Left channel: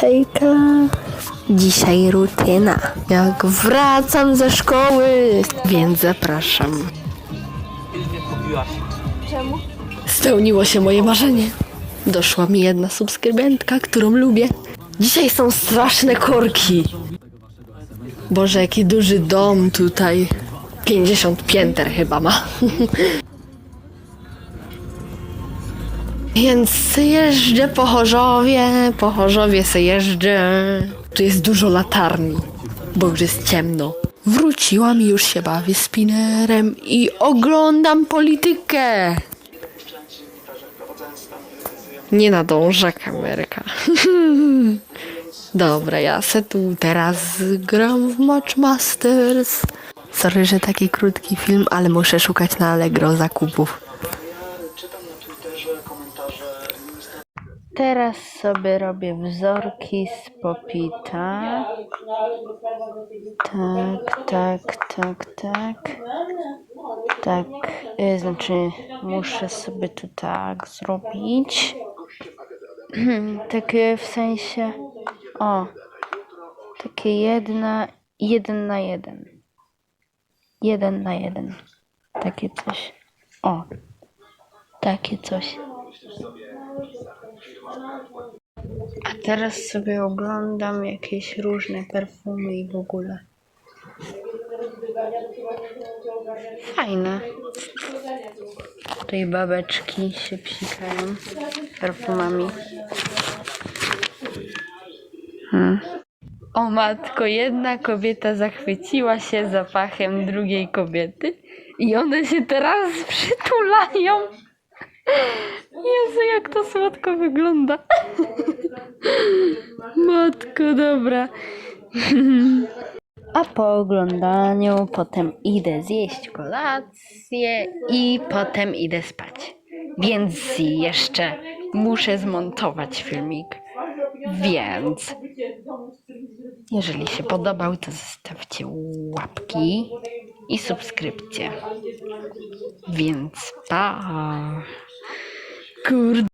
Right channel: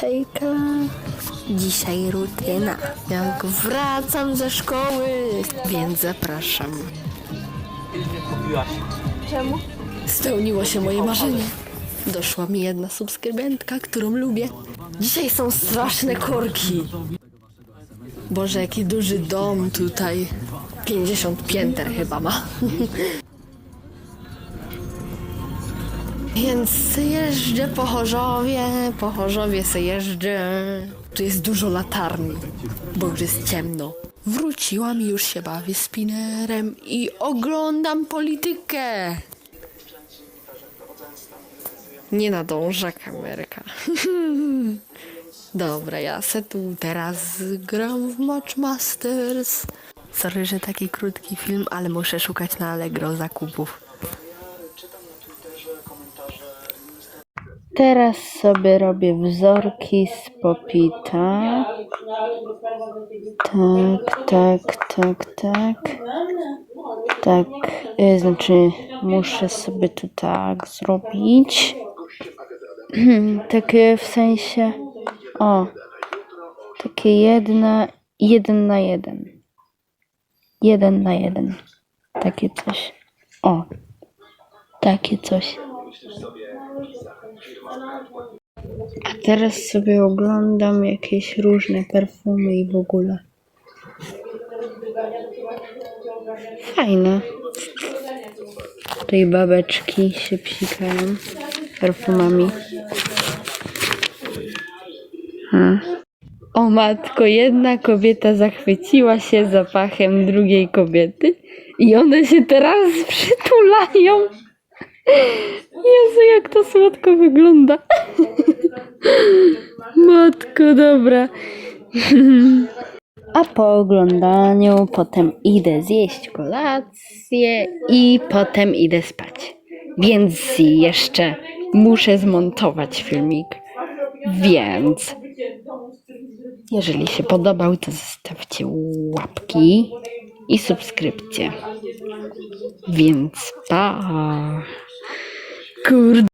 Hejka, dzisiaj rutyna. Jak wracam ze szkoły, więc zapraszam. Czemu? Spełniło się moje marzenie. Doszła mi jedna subskrybentka, którą lubię. Dzisiaj są straszne korki. Boże, jaki duży dom tutaj. 50 pięter chyba ma. Więc jeżdżę po Chorzowie, po Chorzowie se jeżdżę. Tu jest dużo latarni, bo już jest ciemno. Wróciłam i już się bawię spinnerem i oglądam politykę. Nie nadąża kamerka. Dobra, ja se tu teraz gram w Match Masters. Sorry, że taki krótki film, ale muszę szukać na Allegro zakupów. Teraz sobie robię wzorki z popita. Tak, tak, tak, tak. Tak, e, znaczy muszę sobie to tak zrobić. Takie w sensie, o, takie jedna, jeden na jeden. Jeden na jeden. Takie coś. O, takie coś. A teraz sobie oglądam jakieś różne perfumy i w ogóle. Fajne. Tutaj babeczki się psikają perfumami. Ha. O matko, jedna kobieta zachwyciła się zapachem drugiej kobiety i one się teraz przytulają. Jezu, jak to słodko wygląda. Matko, dobra. A po oglądaniu potem idę zjeść kolację i potem idę spać. Więc jeszcze muszę zmontować filmik. Więc jeżeli się podobał, to zostawcie łapki i subskrypcję. Więc pa! Kurde.